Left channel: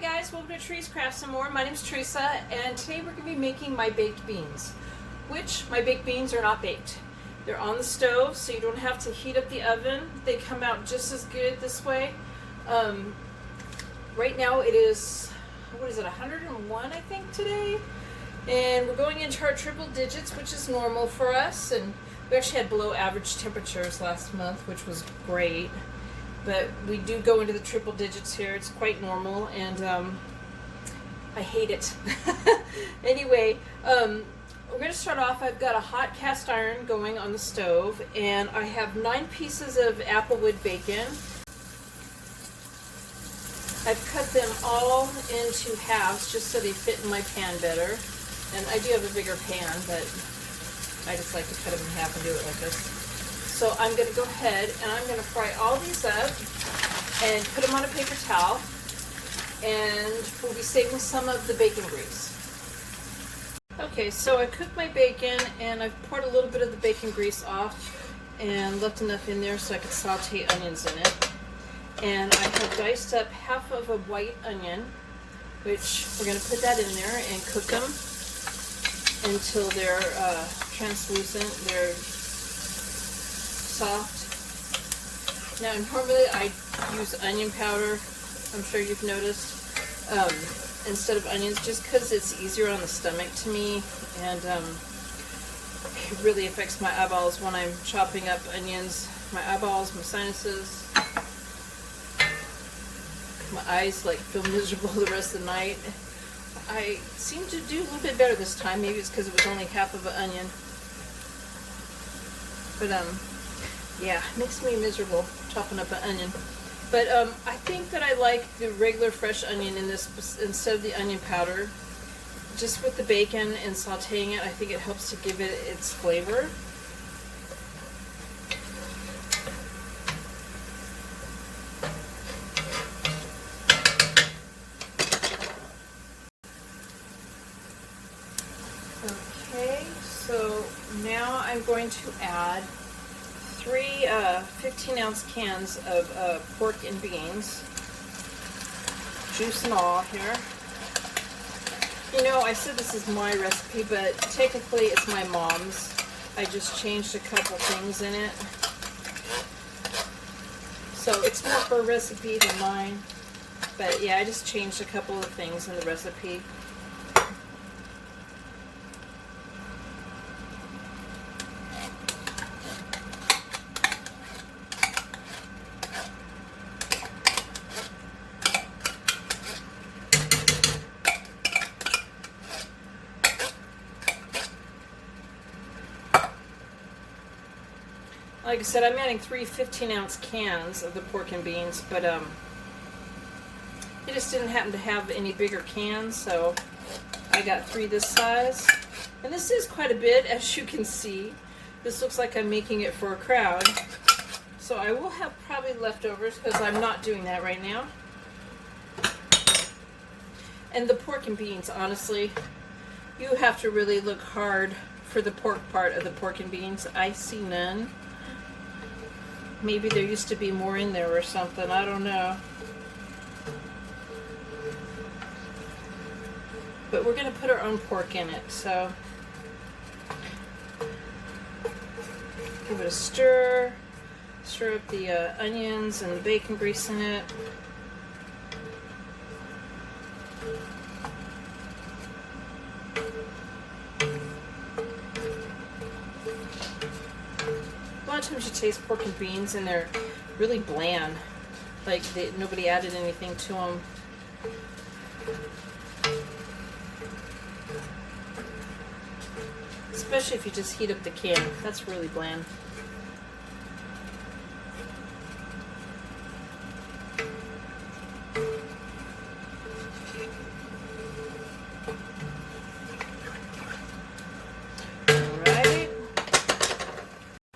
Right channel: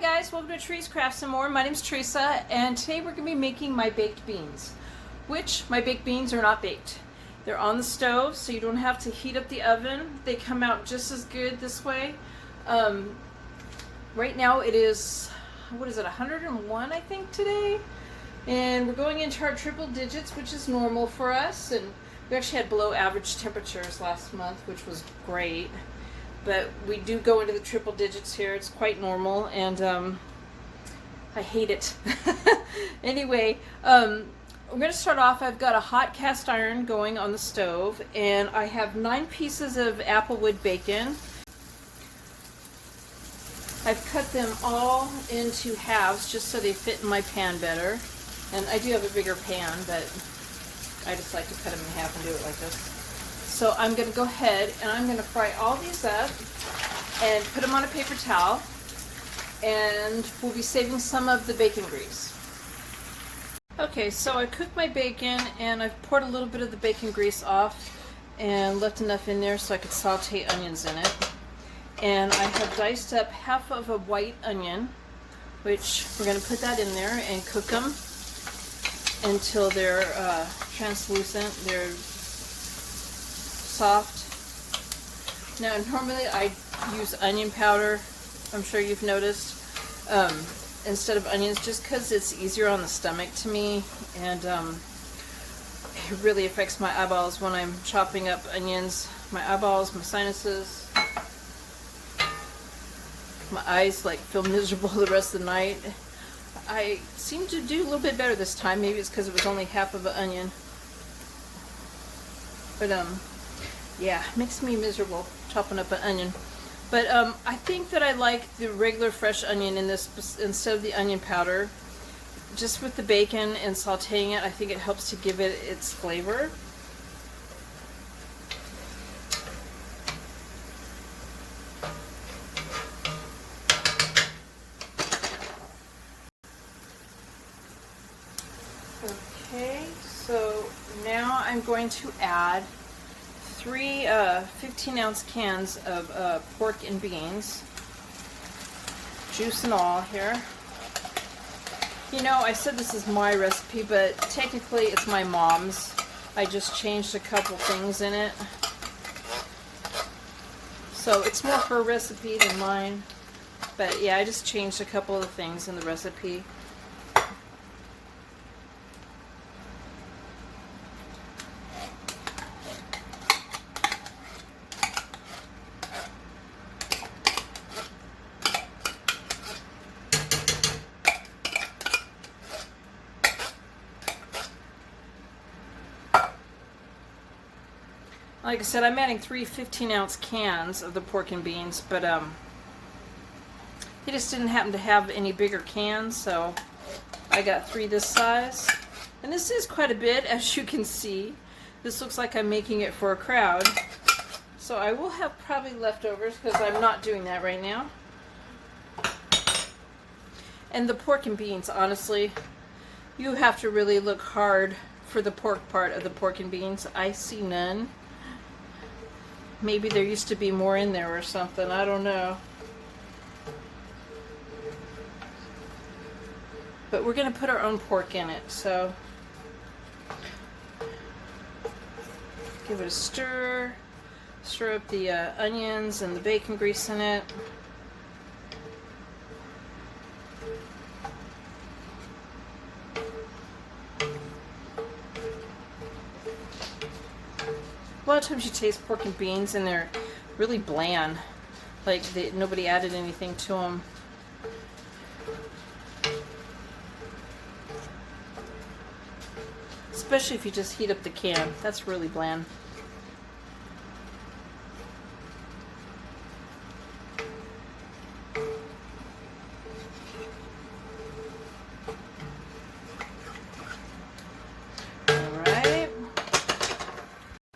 Hi guys, welcome to Trees Crafts and More. My name is Teresa, and today we're going to be making my baked beans, which my baked beans are not baked. They're on the stove, so you don't have to heat up the oven. They come out just as good this way. Right now it is, 101 I think today, and we're going into our triple digits, which is normal for us, and we actually had below average temperatures last month, which was great. But we do go into the triple digits here. It's quite normal, and I hate it. Anyway, we're going to start off. I've got a hot cast iron going on the stove, and I have 9 pieces of applewood bacon. I've cut them all into halves just so they fit in my pan better. And I do have a bigger pan, but I just like to cut them in half and do it like this. So I'm going to go ahead and I'm going to fry all these up and put them on a paper towel, and we'll be saving some of the bacon grease. Okay, so I cooked my bacon and I've poured a little bit of the bacon grease off and left enough in there so I could saute onions in it. And I have diced up half of a white onion, which we're going to put that in there and cook them until they're translucent. They're soft. Now normally I use onion powder, I'm sure you've noticed, instead of onions, just because it's easier on the stomach to me, and it really affects my eyeballs when I'm chopping up onions. My eyeballs, my sinuses, my eyes like feel miserable the rest of the night. I seem to do a little bit better this time. Maybe it's because it was only half of an onion, but yeah, it makes me miserable chopping up an onion. But I think that I like the regular fresh onion in this instead of the onion powder. Just with the bacon and sauteing it, I think it helps to give it its flavor. Okay, so now I'm going to add 3 15-ounce cans of pork and beans, juice and all here. You know, I said this is my recipe, but technically it's my mom's. I just changed a couple things in it. So it's more her recipe than mine. But yeah, I just changed a couple of things in the recipe. Like I said, I'm adding 3 15-ounce cans of the pork and beans, but he just didn't happen to have any bigger cans, so I got 3 this size. And this is quite a bit, as you can see. This looks like I'm making it for a crowd. So I will have probably leftovers, because I'm not doing that right now. And the pork and beans, honestly, you have to really look hard for the pork part of the pork and beans. I see none. Maybe there used to be more in there or something. I don't know. But we're going to put our own pork in it, so give it a stir. Stir up the onions and the bacon grease in it. A lot of times you taste pork and beans and they're really bland, like nobody added anything to them. Especially if you just heat up the can, that's really bland.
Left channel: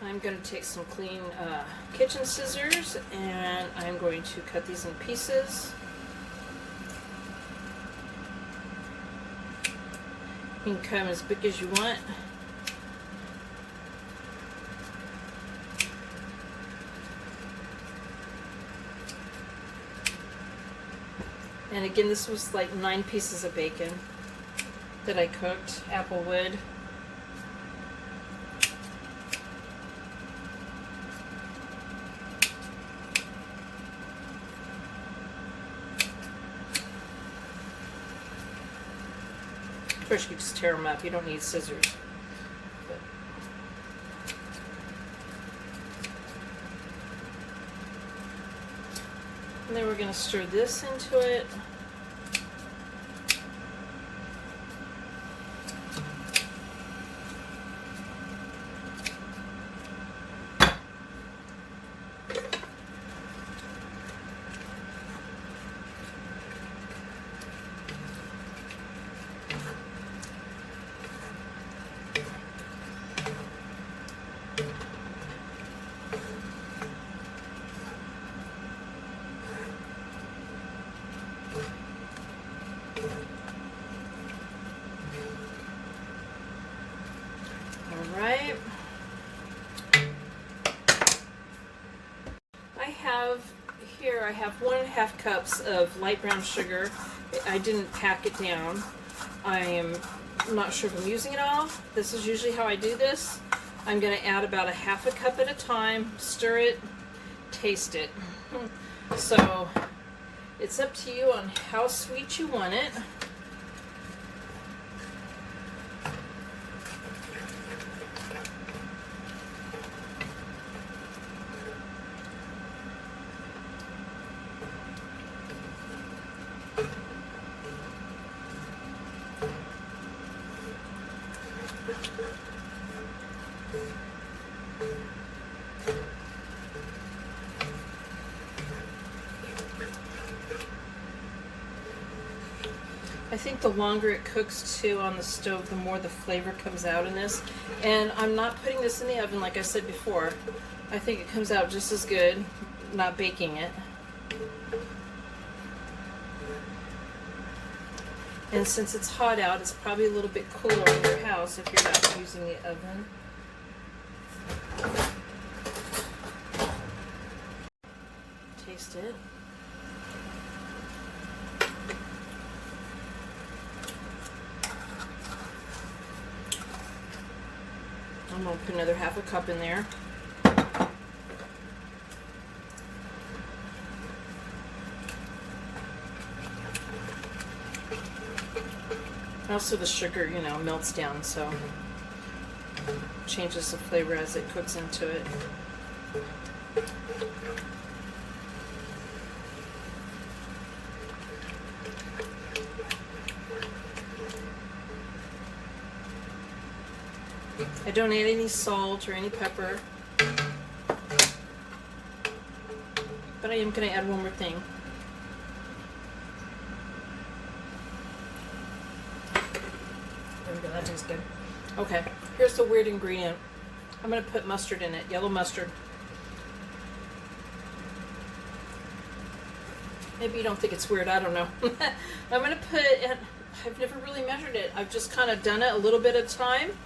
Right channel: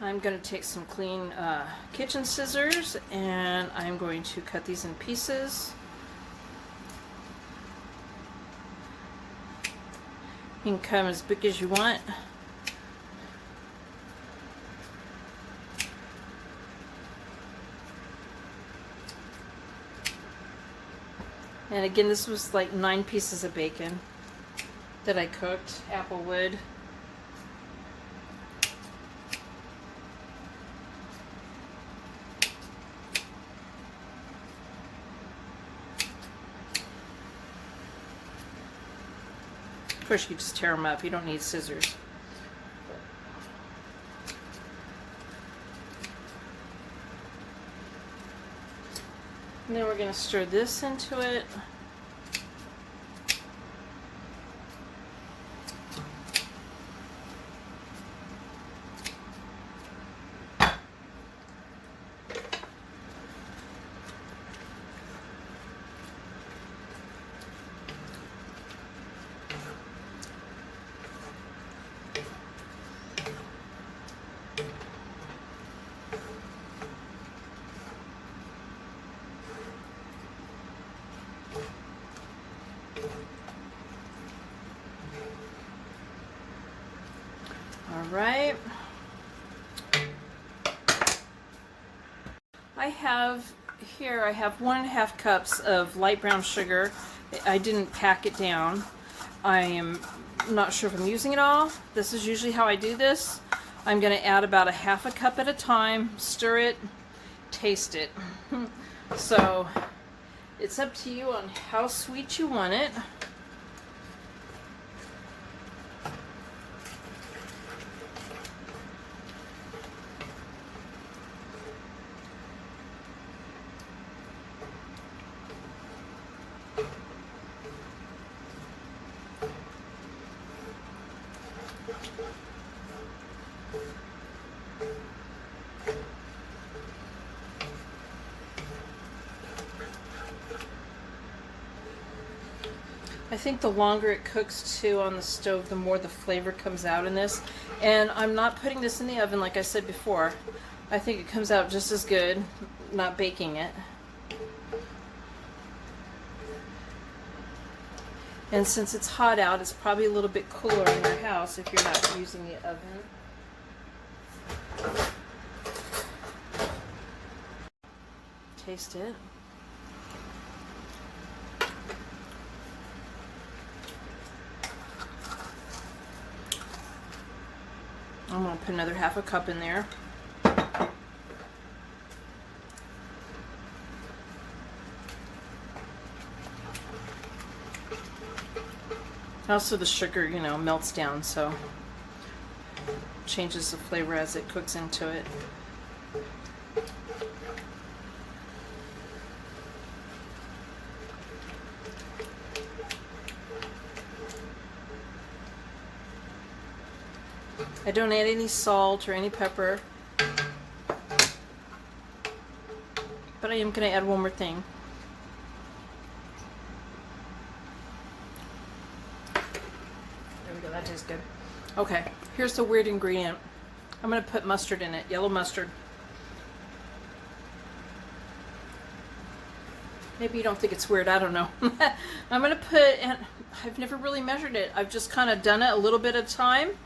I'm going to take some clean kitchen scissors and I'm going to cut these in pieces. You can cut them as big as you want. And again, this was like 9 pieces of bacon that I cooked, applewood. Of course, you just tear them up. You don't need scissors. And then we're going to stir this into it. Right. I have 1.5 cups of light brown sugar. I didn't pack it down. I am not sure if I'm using it all. This is usually how I do this. I'm going to add about 1/2 cup at a time, stir it, taste it. So it's up to you on how sweet you want it. I think the longer it cooks too on the stove, the more the flavor comes out in this. And I'm not putting this in the oven like I said before. I think it comes out just as good not baking it. And since it's hot out, it's probably a little bit cooler in your house if you're not using the oven. Taste it. I'm going to put another 1/2 cup in there. Also the sugar, melts down, so changes the flavor as it cooks into it. I don't add any salt or any pepper, but I am going to add one more thing. There we go, that tastes good. Okay, here's the weird ingredient. I'm going to put mustard in it, yellow mustard. Maybe you don't think it's weird, I don't know. I'm going to put, and I've never really measured it. I've just kind of done it a little bit at a time.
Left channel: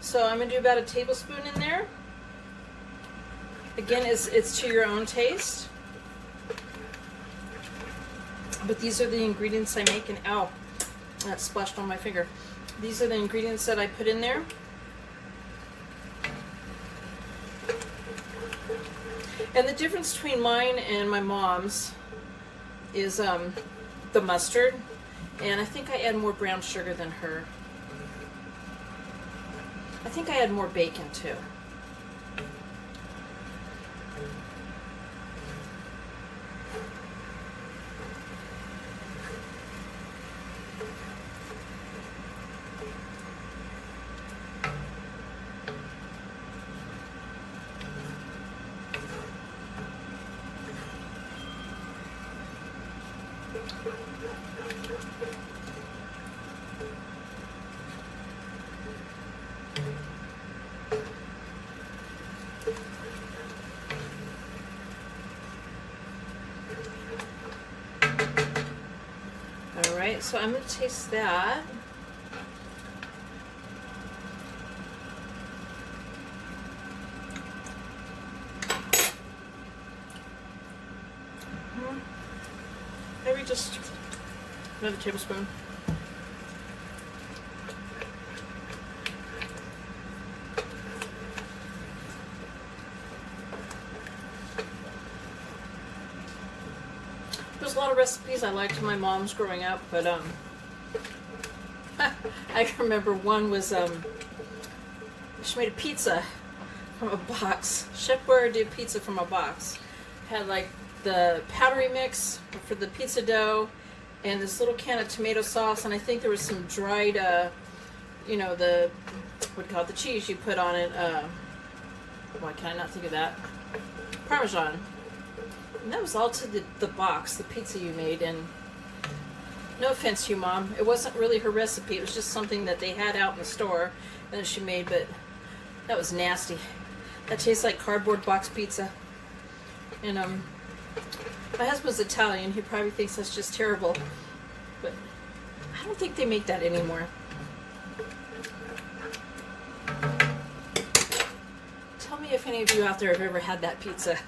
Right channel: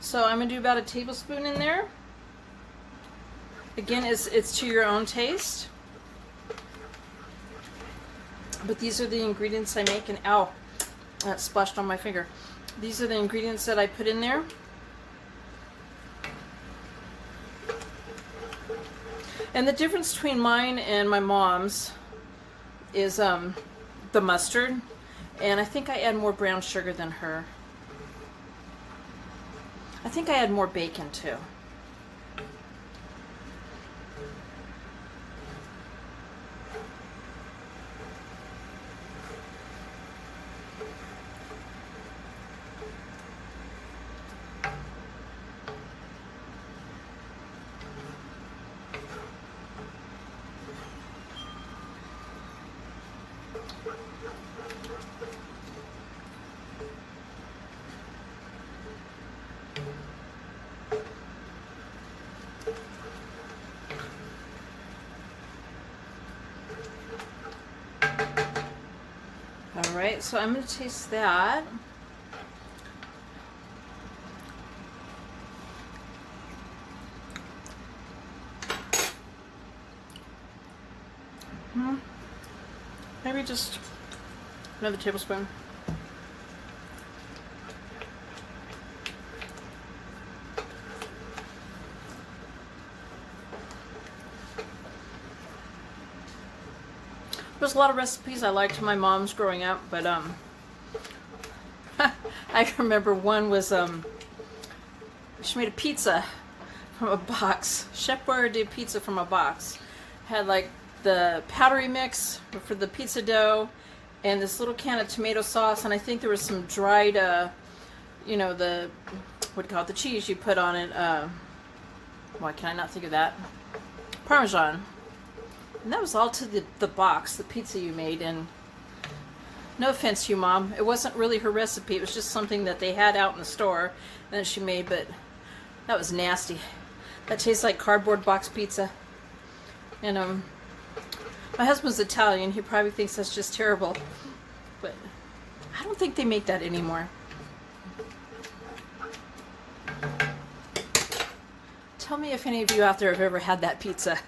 So I'm going to do about 1 tablespoon in there. Again, it's to your own taste. But these are the ingredients I make, and ow, that splashed on my finger. These are the ingredients that I put in there. And the difference between mine and my mom's is the mustard. And I think I add more brown sugar than her. I think I add more bacon too. Alright, so I'm going to taste that. Maybe just Another tablespoon. There's a lot of recipes I liked from my mom's growing up, but I can remember one was she made a pizza from a box. Chef Boyardee pizza from a box. Had like the powdery mix for the pizza dough and this little can of tomato sauce, and I think there was some dried you know, the what do you call it, the cheese you put on it, why can I not think of that? Parmesan. And that was all to the box, the pizza you made. And no offense to you, Mom, it wasn't really her recipe. It was just something that they had out in the store that she made, but that was nasty. That tastes like cardboard box pizza. And my husband's Italian. He probably thinks that's just terrible, but I don't think they make that anymore. Tell me if any of you out there have ever had that pizza.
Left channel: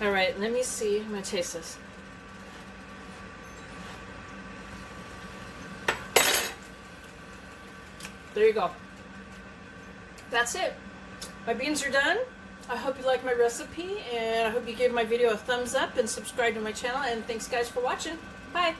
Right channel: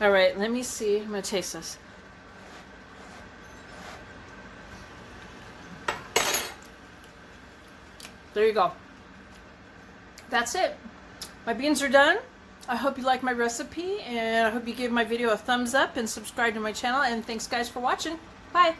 All right, let me see. I'm going to taste this. There you go. That's it. My beans are done. I hope you like my recipe, and I hope you give my video a thumbs up and subscribe to my channel. And thanks, guys, for watching. Bye.